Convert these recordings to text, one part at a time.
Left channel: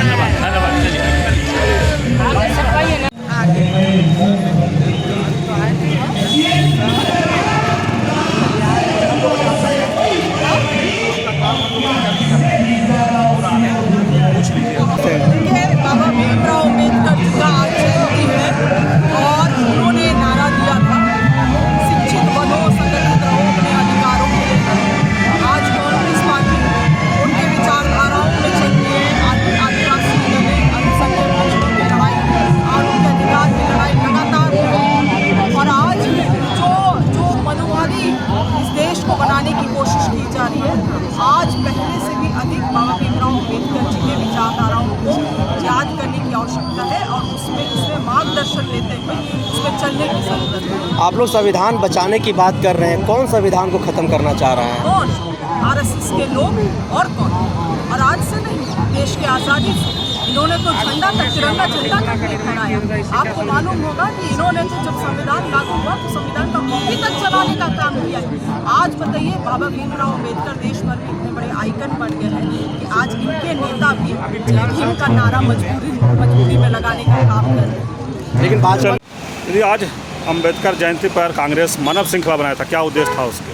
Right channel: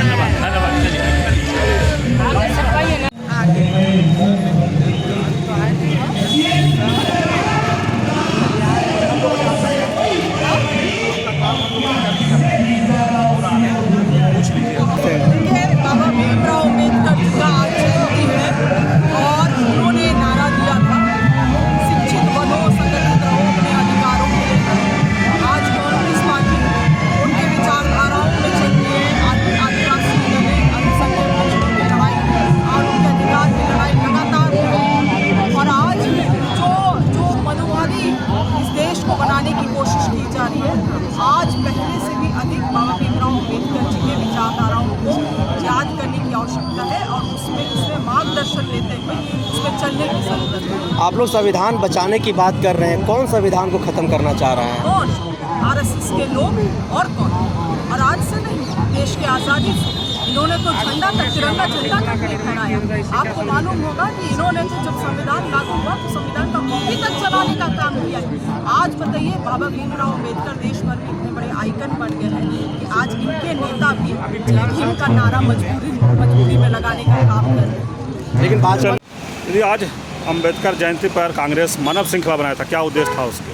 धन्यवाद धन्यवाद चलिए बाबा भीमराव अम्बेडकर जी का आज जयंती है और उन्होंने नारा दिया था, शिक्षित बनो, संगठित रहो, अपने अधिकारों के लिए लड़ो। आज कांग्रेस पार्टी उनके विचारधाराओं में चलती है। आदिवासी दलित अल्पसंख्यक बच्चों की लड़ाई और उनके अधिकार की लड़ाई लगातार हो रही है। और आज जो मनुवादी इस देश को बनाने की कोशिश की जा रही है, आज पहले से भी अधिक बाबा भीमराव अम्बेडकर जी के विचारधाराओं को याद करने की आवश्यकता है और उसमें मार्गदर्शन लेते हुए उसमें चलने की जरूरत है। आप लोग संविधान बचाने की बात कर रहे हैं, कौन संविधान को खत्म करना चाह रहा है? कौन? आरएसएस के लोग और कौन? और आज से नहीं, देश की आज़ादी से इन्होंने तो झंडा तक, तिरंगा झंडा तक नहीं फहराया। आपको मालूम होगा कि इन्होंने तो जब संविधान लागू हुआ तो संविधान का कॉपी तक चलाने का काम किया है। आज बताइए, बाबा भीमराव अम्बेडकर देश भर में इतने बड़े आइकन बन गए हैं कि आज इनके नेता भी भीम का नारा मजबूरी में लगाने का काम कर रहे हैं। लेकिन बात यदि आज अम्बेडकर जयंती पर कांग्रेस मानव श्रृंखला बनाया था, क्या उद्देश्य था उसके?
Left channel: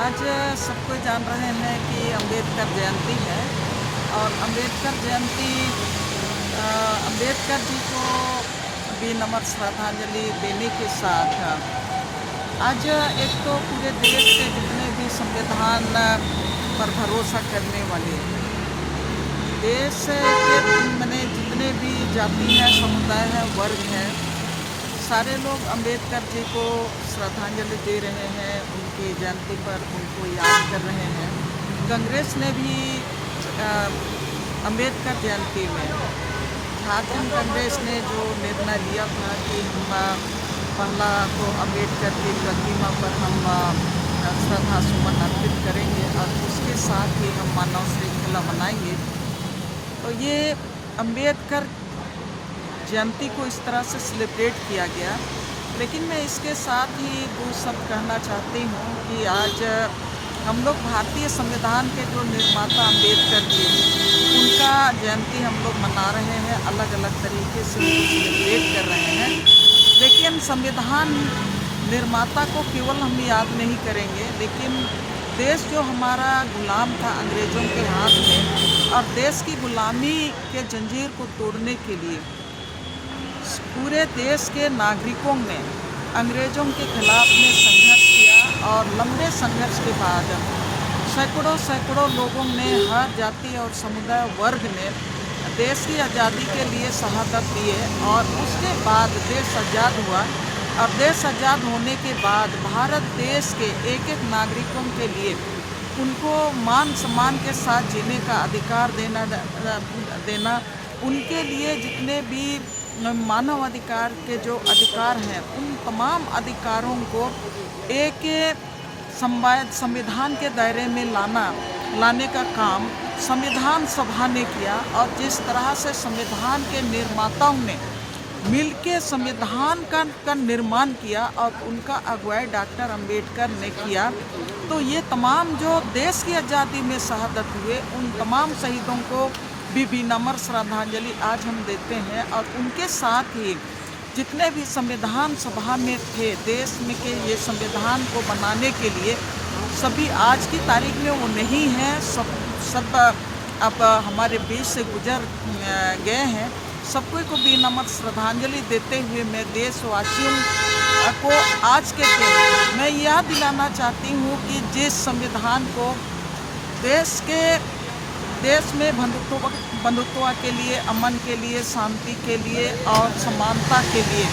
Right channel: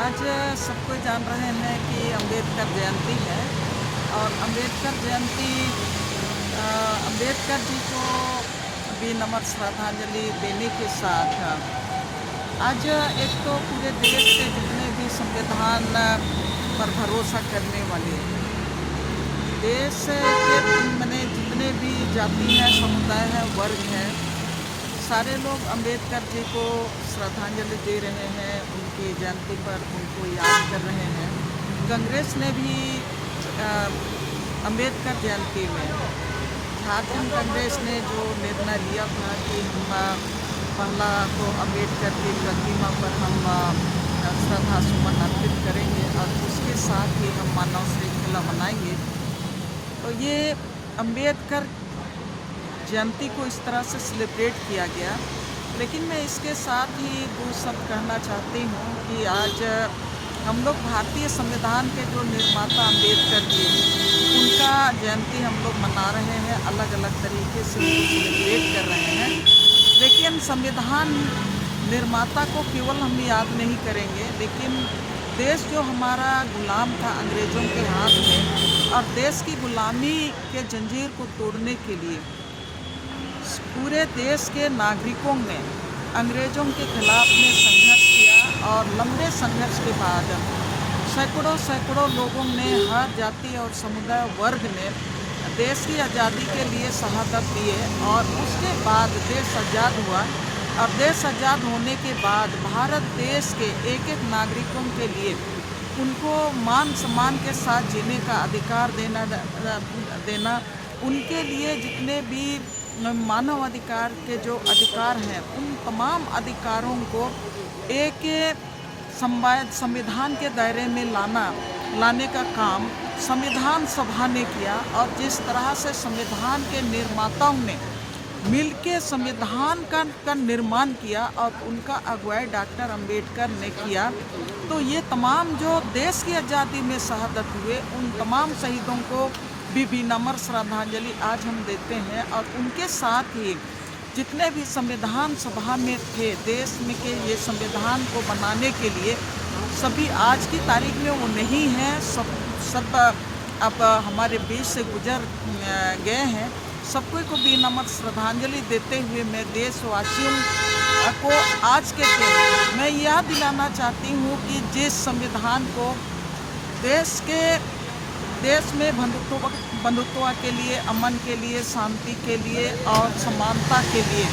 आज सबको जान रहे हैं कि अम्बेडकर जयंती है और अम्बेडकर जयंती अम्बेडकर जी को विनम्र श्रद्धांजलि देने के साथ आज एक तो पूरे देश के जितने भी संविधान पर भरोसा करने वाले देश के मैंने जितने भी जाति है, समुदाय है, वर्ग है, सारे लोग अम्बेडकर जी को श्रद्धांजलि दे रहे हैं। उनकी जयंती पर उनको याद कर रहे हैं। कांग्रेस ने भी अम्बेडकर जयंती में, झारखंड कांग्रेस ने जो निर्णय लिया था कि हम पहला तो अम्बेडकर की प्रतिमा पर हम श्रद्धा सुमन अर्पित करेंगे और उसके साथ ही हम मानव श्रृंखला बनाएंगे। तो ये अम्बेडकर जयंती को इस तरह से सेलिब्रेट किया गया। लेकिन मैं इसके साथ ही वो सब कहना चाहती हूँ कि आज हम लोग भारतीय संविधान के जो निर्माता अम्बेडकर जी, उनका जयंती हम लोग मना रहे हैं, अलग अलग तरीके से सेलिब्रेट कर रहे हैं। लेकिन संविधान निर्माता को केवल हम याद नहीं करेंगे, लेकिन देश जो हमारा गुलाम था अंग्रेज़ों के हाथ में, और देश की गुलामी के जंजीर को तोड़ने के लिए पूरे देश के नागरिकों ने अंग्रेज़ों के खिलाफ में संघर्ष किया और लंबे संघर्ष के बाद सैकड़ों लोगों ने, हर जाति और समुदाय वर्ग ने देश की आज़ादी के लिए शहादत दिए और उसके बाद देश आज़ाद हुआ। और देश आज़ाद होने के बाद भारत देश के एक एक नागरिकों के लिए उनको मान सम्मान के साथ जीने का अधिकार देना उनके लिए जितने भी मानव अधिकार के जो अधिकार हैं, उन तमाम अधिकारों को एक संविधान के दायरे में लाने का काम संविधान सभा ने किया। और जिस तरह से संविधान के निर्माताओं ने मिलके संविधान का निर्माण किया और उनका अगुवाई डॉक्टर अंबेडकर ने किया, तो ये तमाम जो देश की आज़ादी में शहादत हुए, उन तमाम शहीदों को भी विनम्र श्रद्धांजलि आज हम देते हैं। और उनके साथ ही जितने भी संविधान सभा में थे देश में के ये संविधान को बनाने के लिए, सभी आज की तारीख में वो नहीं हैं, सब अब हमारे बीच से गुजर गए हैं। सबको को विनम्र श्रद्धांजलि देते हुए मैं देशवासियों को आज के दिन मैं यह दिलाना चाहती हूँ कि जिस संविधान को देश में बंधुत्व के लिए, अमन के लिए, शांति के लिए और समानता के लिए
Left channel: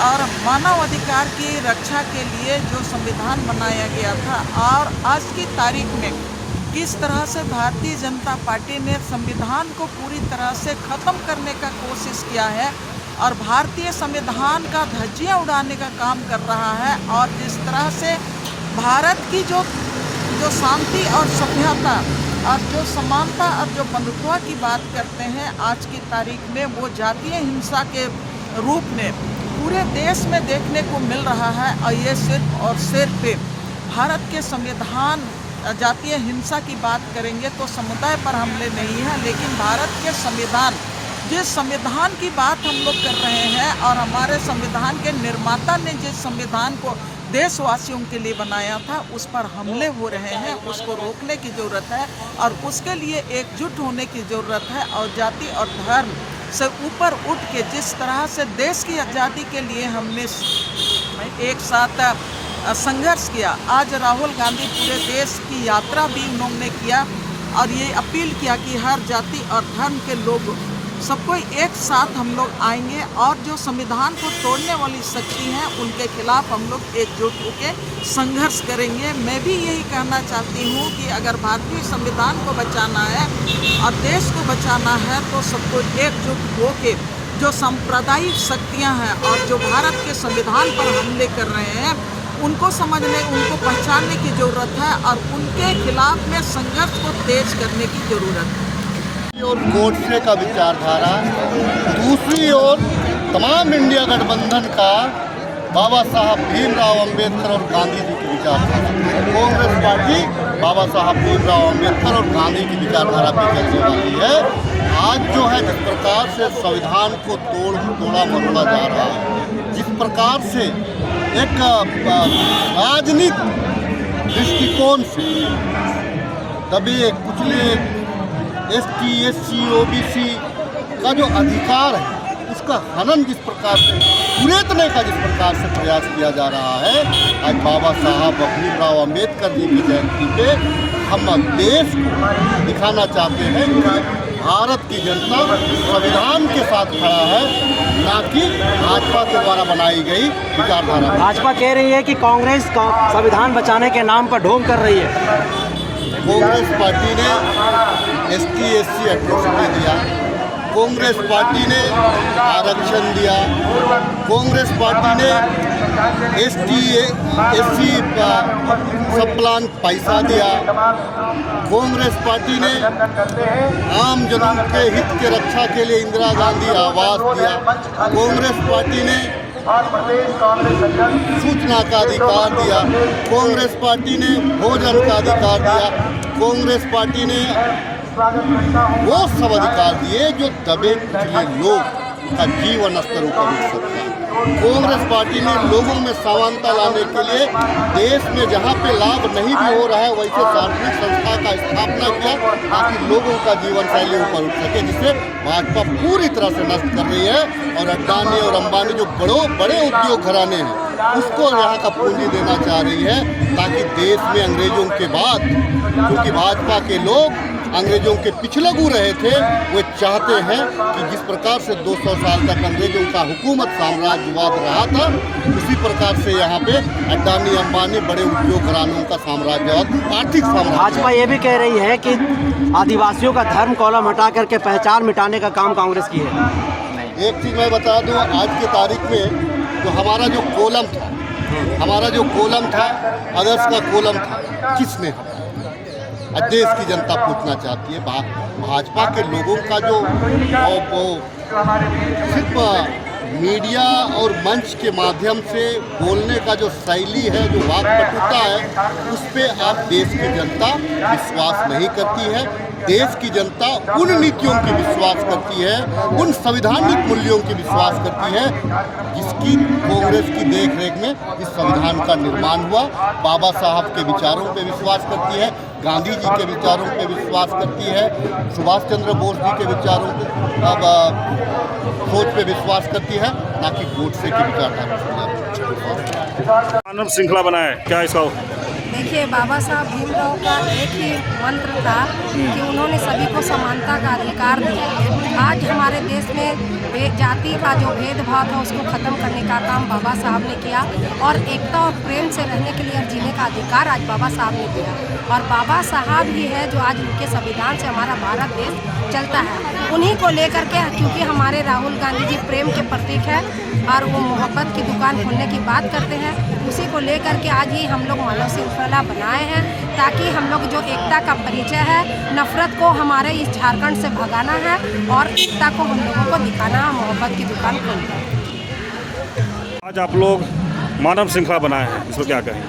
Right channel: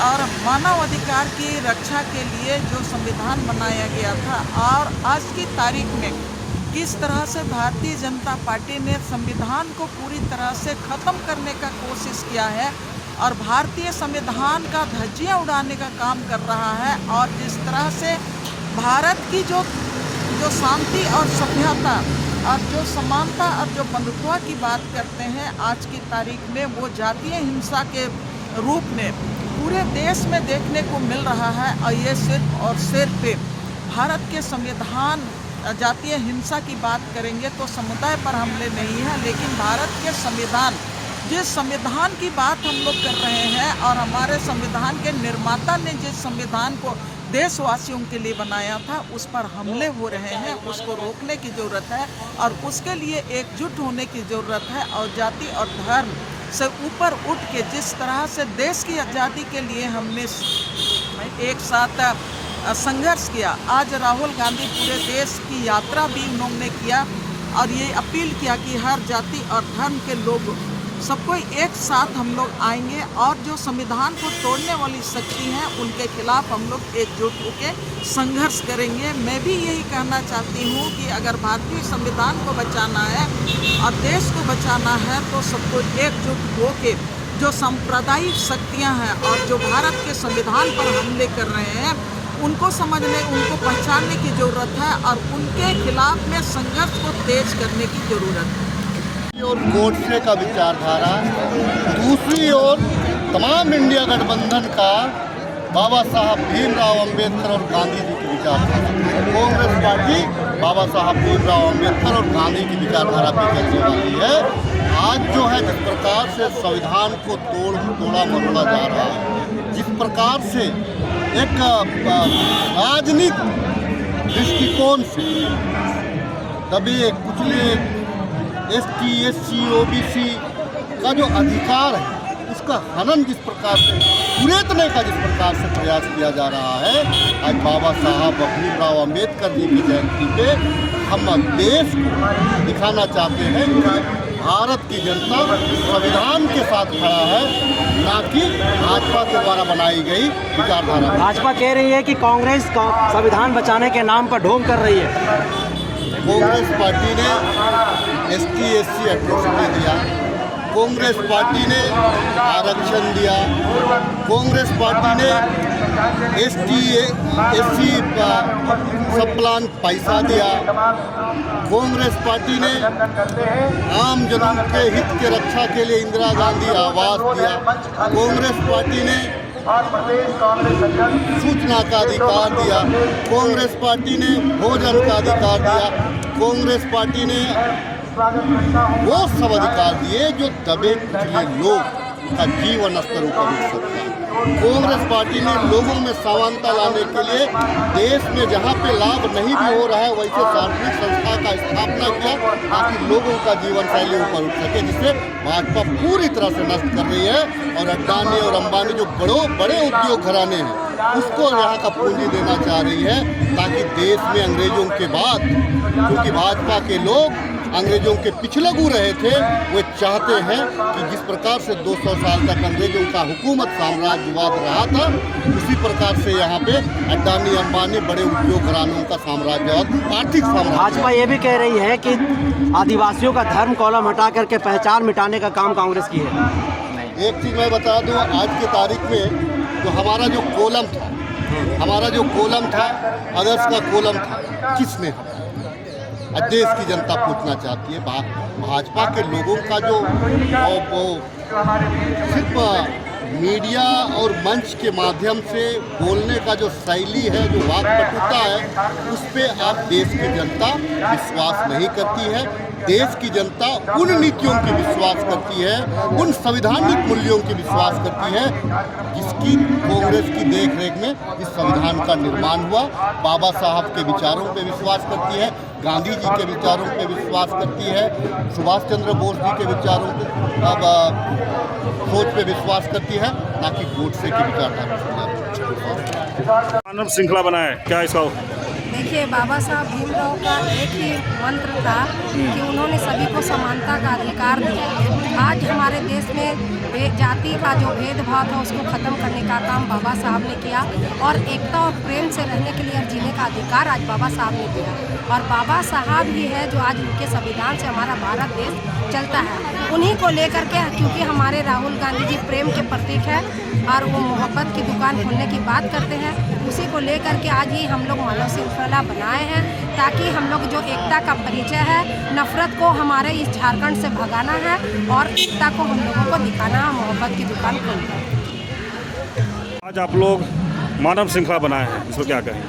और मानव अधिकार की रक्षा के लिए जो संविधान बनाया गया था, और आज की तारीख में किस तरह से भारतीय जनता पार्टी ने संविधान को पूरी तरह से ख़त्म करने का कोशिश किया है और भारतीय संविधान का धज्जियां उड़ाने का काम कर रहा है। और जिस तरह से भारत की जो शांति और सभ्यता और जो समानता और जो बंधुत्व की बात करते हैं, आज की तारीख में वो जातीय हिंसा के रूप में पूरे देश में देखने को मिल रहा है। और ये सिर्फ और सिर्फ भारत के संविधान जातीय हिंसा की बात करेंगे तो समुदाय पर हमले नहीं है, लेकिन भारत के संविधान, जिस संविधान की बात हम लोग कर रहे हैं और हमारे संविधान के निर्माता ने जिस संविधान को देशवासियों के लिए बनाया था, उस पर हमले हो रहे हैं। उसको रोकने की ज़रूरत है और उसके लिए एकजुट होने की ज़रूरत है। और जाति और धर्म से ऊपर उठ के जिस तरह से देश की आज़ादी के लिए हमने एक साथ संघर्ष किया, आज राहुल गांधी पूरे देश की यात्रा भी उन्होंने किया और ये अपील किया कि हर जाति और धर्म के लोग सबको एक साथ हम लोग आएंगे और जो संविधान को तोड़ने वाली शक्ति है उनके खिलाफ हम लोग एकजुट होकर संघर्ष करेंगे। मैं भी यही कहना चाहती हूँ कि अगर भारतीय संविधान को बचाना है और देश को बचाना है तो सबको एकजुट होकर जो सांप्रदायिक शक्तियाँ हैं और जो भारत के संविधान पर हमले कर रहे हैं उनको समझने, उनको पहचानने की ज़रूरत है और उनके खिलाफ में संघर्ष को तेज करने की ज़रूरत है। और गोडसे का विचारधारा, दूसरी ओर तमाम इंडिया गठबंधन का बाबा साहब भीमराव अंबेडकर और गांधी जी की विचारधारा। कांग्रेस पार्टी बाबा साहब भीमराव अंबेडकर और गांधी की विचारधारा पे चलने वाली है। आज जो है जिस प्रकार से संविधान को तोड़ा मरोड़ा जा रहा है, जिस प्रकार से एक राजनीतिक दृष्टिकोण से दबे कुचले ST, SC, OBC का जो अधिकार है उसका हनन जिस प्रकार से कुरेदने का जिस प्रकार से प्रयास किया जा रहा है, आज बाबा साहब भीमराव अंबेडकर जी की जयंती पे हम देश को दिखाना चाहते हैं कि भारत की जनता संविधान के साथ खड़ा है, ना कि भाजपा के द्वारा बनाई गई विचारधारा। भाजपा कह रही है कि कांग्रेस संविधान बचाने के नाम पर ढोंग कर रही है। कांग्रेस पार्टी ने ST, SC एट्रोसिटी दिया, कांग्रेस पार्टी ने आरक्षण दिया, कांग्रेस पार्टी ने ST, SC सब प्लान पैसा दिया, कांग्रेस पार्टी ने आम जनों के हित के रक्षा के लिए इंदिरा गांधी आवास दिया, कांग्रेस पार्टी ने सूचना का अधिकार दिया, कांग्रेस पार्टी ने भोजन का अधिकार दिया, कांग्रेस पार्टी ने वो सब अधिकार दिए जो दबे कुचले लोग का जीवन स्तर ऊपर उठ सकता है। कांग्रेस पार्टी ने लोगों में समानता लाने के लिए देश में जहाँ पे लाभ नहीं भी हो रहा है वैसे सार्वजनिक संस्था का स्थापना किया ताकि लोगों का जीवन शैली ऊपर उठ सके, जिसे भाजपा पूरी तरह से नष्ट कर रही है। और अडानी और अंबानी जो बड़े उद्योग घराने हैं उसको यहाँ का पूंजी देना चाह रही है ताकि देश में अंग्रेजों के बाद, क्योंकि भाजपा के लोग अंग्रेजों के पिछलगू रहे थे, वे चाहते हैं कि जिस प्रकार से 200 साल तक अंग्रेजों का हुकूमत साम्राज्यवाद रहा था, उसी प्रकार से यहाँ पे अडानी अंबानी बड़े उद्योग घरानों का साम्राज्यवाद, आर्थिक साम्राज्य। भाजपा ये भी कह रही है कि आदिवासियों का धर्म कॉलम हटा करके पहचान मिटाने का काम कांग्रेस की है। एक चीज़ मैं बता दूँ, आज की तारीख में जो हमारा जो कॉलम था, अदर्स का कॉलम था, किसने हटाया? देश की जनता पूछना चाहती है। भाजपा के लोगों का जो वो सिर्फ मीडिया और मंच के माध्यम से बोलने का जो शैली है, जो वाक्पटुता है, उस पर आप देश की जनता विश्वास नहीं करती है। देश की जनता उन नीतियों की विश्वास करती है, उन संवैधानिक मूल्यों की विश्वास करती है जिसकी कांग्रेस की देखरेख में इस संविधान का निर्माण हुआ। बाबा साहब के विचारों पे विश्वास करती है, गांधी जी के विचारों पे विश्वास करती है, सुभाष चंद्र बोस जी के विचारों पे सोच पे विश्वास करती है, ना कि गोडसे के विचारधारा। मानव श्रृंखला बनाए, क्या इसका? देखिए, बाबा साहब भीमराव का एक ही मंत्र था कि उन्होंने सभी को समानता का अधिकार दिया। आज हमारे देश में जाति का जो भेदभाव था उसको ख़त्म करने का काम बाबा साहब ने किया और एकता और प्रेम से रहने के लिए और जीने का अधिकार आज बाबा साहब ने दिया। और बाबा साहब ही है जो आज उनके संविधान से हमारा भारत देश चलता है। उन्हीं को लेकर के, क्योंकि हमारे राहुल गांधी जी प्रेम के प्रतीक है और वो मोहब्बत की दुकान खोलने की बात करते हैं, उसी को लेकर के आज ही हम लोग मानव श्रृंखला बनाए हैं ताकि हम लोग जो एकता का परिचय है, नफरत को हमारे इस झारखंड से भगाना है और एकता को हम लोगों को दिखाना है, मोहब्बत की दुकान खोलना है। आज आप लोग मानव श्रृंखला बनाए हैं, इसको क्या कहें?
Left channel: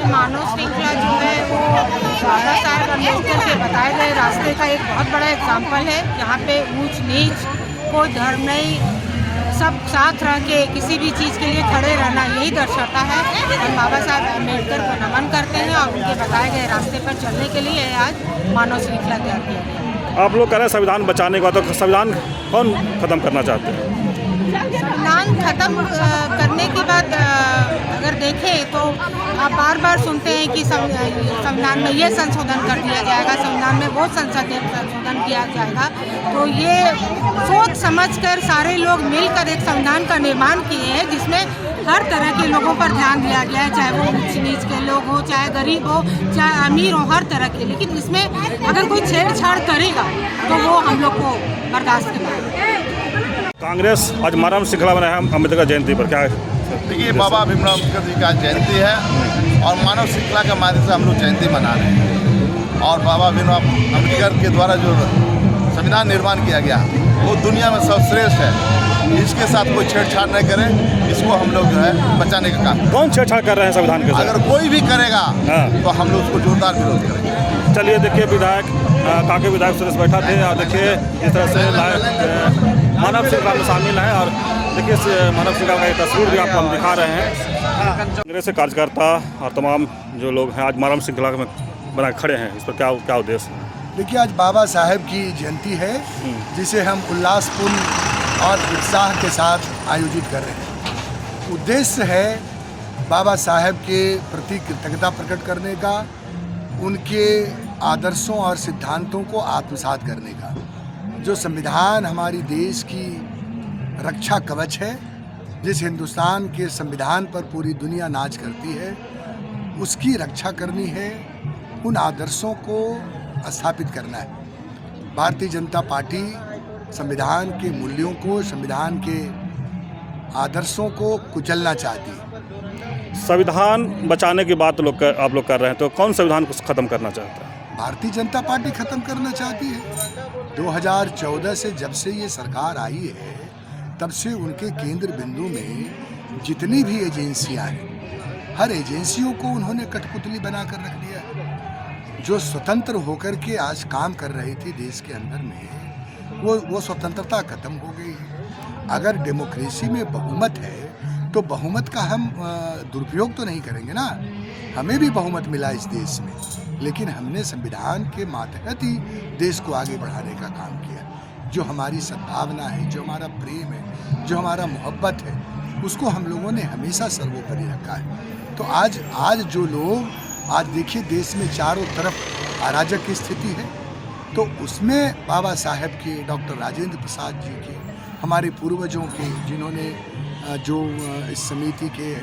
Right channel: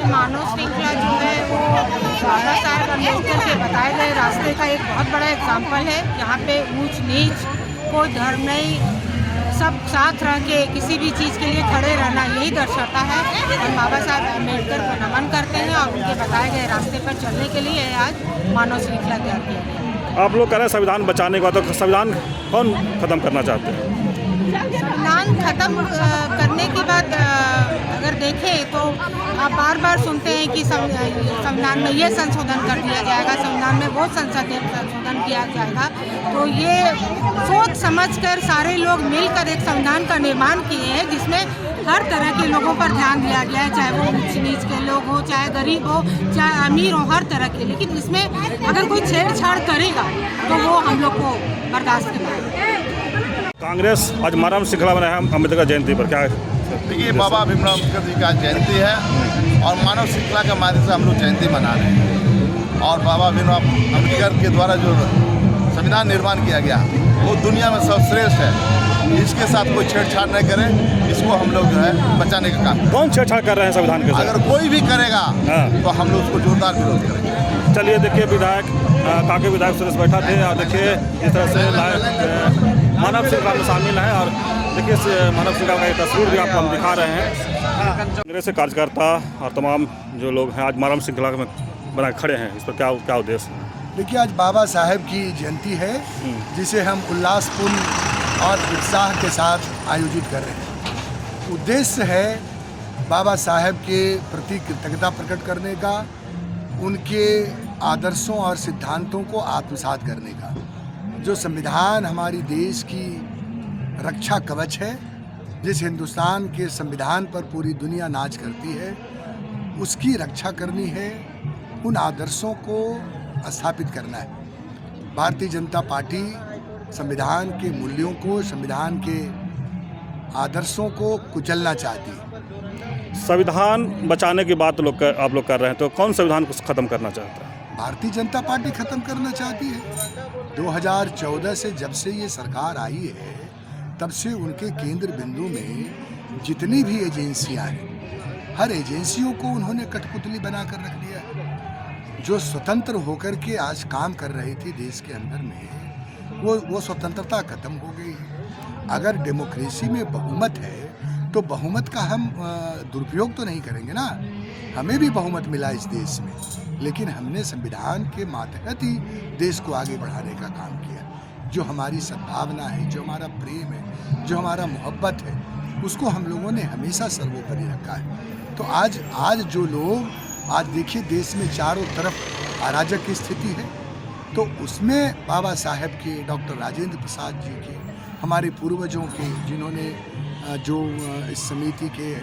कि मानव श्रृंखला जो है वो बाबा साहब अम्बेडकर के बताए गए रास्ते का एक बहुत बड़ा एग्जाम्पल है। यहाँ पे ऊंच नीच कोई धर्म नहीं, सब साथ रह के किसी भी चीज़ के लिए खड़े रहना यही दर्शाता है। हम बाबा साहब अम्बेडकर को नमन करते हैं और उनके बताए गए रास्ते पर चलने के लिए आज मानव श्रृंखला तैयार किया गया। आप लोग कह रहे हैं संविधान बचाने का, तो संविधान कौन खत्म करना चाहते हैं? संविधान खत्म करने की बात अगर देखें तो आप बार बार सुनते हैं कि संविधान में ये संशोधन कर दिया जाएगा, संविधान में वो संसदीय संशोधन किया जाएगा। तो ये सोच समझकर सारे लोग मिलकर एक संविधान का निर्माण किए हैं जिसमें हर तरह के लोगों पर ध्यान दिया गया है, चाहे वो ऊंच नीच के लोग हो, चाहे गरीब हो, चाहे अमीर हो, हर तरह के। लेकिन इसमें अगर कोई छेड़छाड़ करेगा तो वो हम लोग को बर्दाश्त नहीं होगा। कांग्रेस आज मानव श्रृंखला बनाया है अम्बेडकर जयंती पर, क्या देखिए बाबा भीमराव अम्बेडकर जी का जयंती है और मानव श्रृंखला के माध्यम से हम लोग जयंती मना रहे हैं। और बाबा भीमराव अम्बेडकर के द्वारा जो संविधान निर्माण किया गया वो दुनिया में सर्वश्रेष्ठ है। इसके साथ कोई छेड़छाड़ नहीं करें, इसको हम लोग जो है बचाने का काम। कौन छेड़छाड़ कर रहे हैं संविधान के साथ? अगर कोई भी करेगा तो हम लोग उसको जोरदार विरोध करेंगे। चलिए देखिए, विधायक काके विधायक सुरेश बैठा थे और देखिए इस तरह से मानव श्रृंखला में शामिल है। और देखिए इस मानव श्रृंखला का एक तस्वीर भी आपको हम दिखा रहे हैं। कांग्रेस के कार्यकर्ता और तमाम जो लोग हैं आज मानव श्रृंखला में बना खड़े हैं, इस पर क्या उद्देश्य है? देखिए आज बाबा साहेब की जयंती है जिसे हम उल्लासपूर्ण और उत्साह के साथ आयोजित कर रहे हैं। उद्देश्य है बाबा साहेब के प्रति कृतज्ञता प्रकट करने का, उनके आदर्शों और सिद्धांतों को आत्मसात करने का। जो संविधान हमारी देश की रक्षा कवच है, जिस हिंदुस्तान के संविधान पर पूरी दुनिया नाच करती है, उसकी रक्षा करनी है, उन आदर्शों को स्थापित करना है। भारतीय जनता पार्टी संविधान के मूल्यों को, संविधान के आदर्शों को कुचलना चाहती है। संविधान बचाने की बात आप लोग कर रहे हैं, तो कौन संविधान को खत्म करना चाहता है? भारतीय जनता पार्टी खत्म करना चाहती है। 2014 से जब से ये सरकार आई है तब से उनके केंद्र बिंदु में जितनी भी एजेंसियां हैं, हर एजेंसियों को उन्होंने कठपुतली बनाकर रख दिया। जो स्वतंत्र होकर के आज काम कर रही थी देश के अंदर में, वो स्वतंत्रता खत्म हो गई। अगर डेमोक्रेसी में बहुमत है तो बहुमत का हम दुरुपयोग तो नहीं करेंगे ना। हमें भी बहुमत मिला इस देश में, लेकिन हमने संविधान के मातहत ही देश को आगे बढ़ाने का काम किया। जो हमारी सद्भावना है, जो हमारा प्रेम है, जो हमारा मोहब्बत है, उसको हम लोगों ने हमेशा सर्वोपरि रखा है। तो आज जो लोग आज देखिए देश में चारों तरफ अराजक की स्थिति है, तो उसमें बाबा साहेब के, डॉक्टर राजेंद्र प्रसाद जी के, हमारे पूर्वजों के, जिन्होंने जो इस समिति के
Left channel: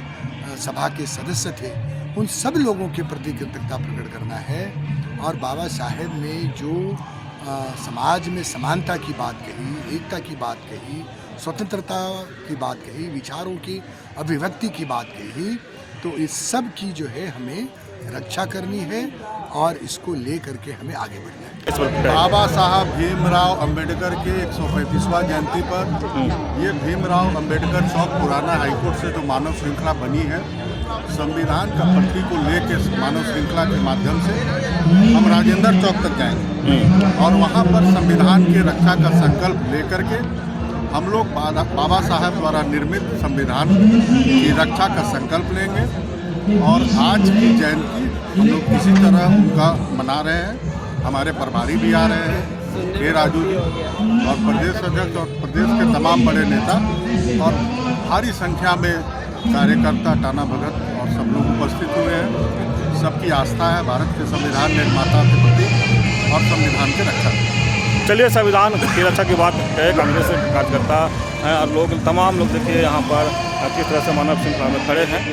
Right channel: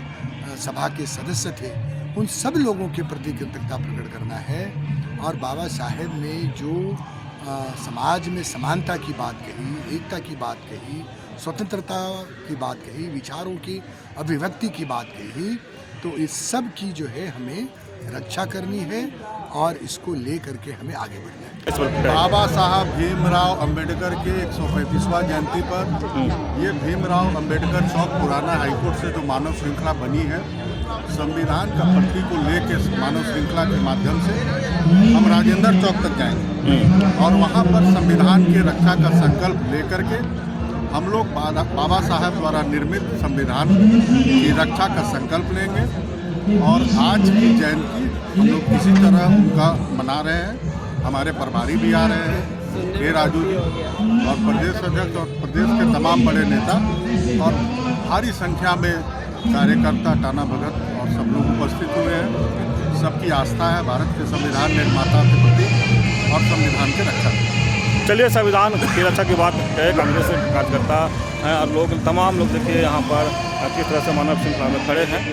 सभा के सदस्य थे, उन सब लोगों के प्रति कृतज्ञता प्रकट करना है। और बाबा साहेब ने जो समाज में समानता की बात कही, एकता की बात कही, स्वतंत्रता की बात कही, विचारों की अभिव्यक्ति की बात कही, तो इस सब की जो है हमें रक्षा करनी है और इसको ले करके हमें आगे बढ़ना है। बाबा साहब भीमराव अम्बेडकर के 135वां जयंती पर ये भीमराव अम्बेडकर चौक पुराना हाईकोर्ट से जो मानव श्रृंखला बनी है, संविधान का प्रति को लेकर मानव श्रृंखला के माध्यम से हम राजेंद्र चौक तक जाएंगे और वहाँ पर संविधान के रक्षा का संकल्प लेकर के हम लोग बाबा साहब द्वारा निर्मित संविधान की रक्षा का संकल्प लेंगे। और आज की जयंती हम लोग किसी तरह उनका मना रहे हैं। हमारे प्रभारी भी आ रहे हैं, के राजू जी, और प्रदेश अध्यक्ष और प्रदेश के तमाम बड़े नेता और भारी संख्या में कार्यकर्ता, टाना भगत और सब लोग उपस्थित हुए हैं। सबकी आस्था है भारत के संविधान निर्माता के प्रति और संविधान की रक्षा। चलिए, संविधान की रक्षा की बात है, कांग्रेस के कार्यकर्ता हैं और लोग, तमाम लोग देखिए यहाँ पर किस तरह से मानव श्रृंखला में खड़े हैं।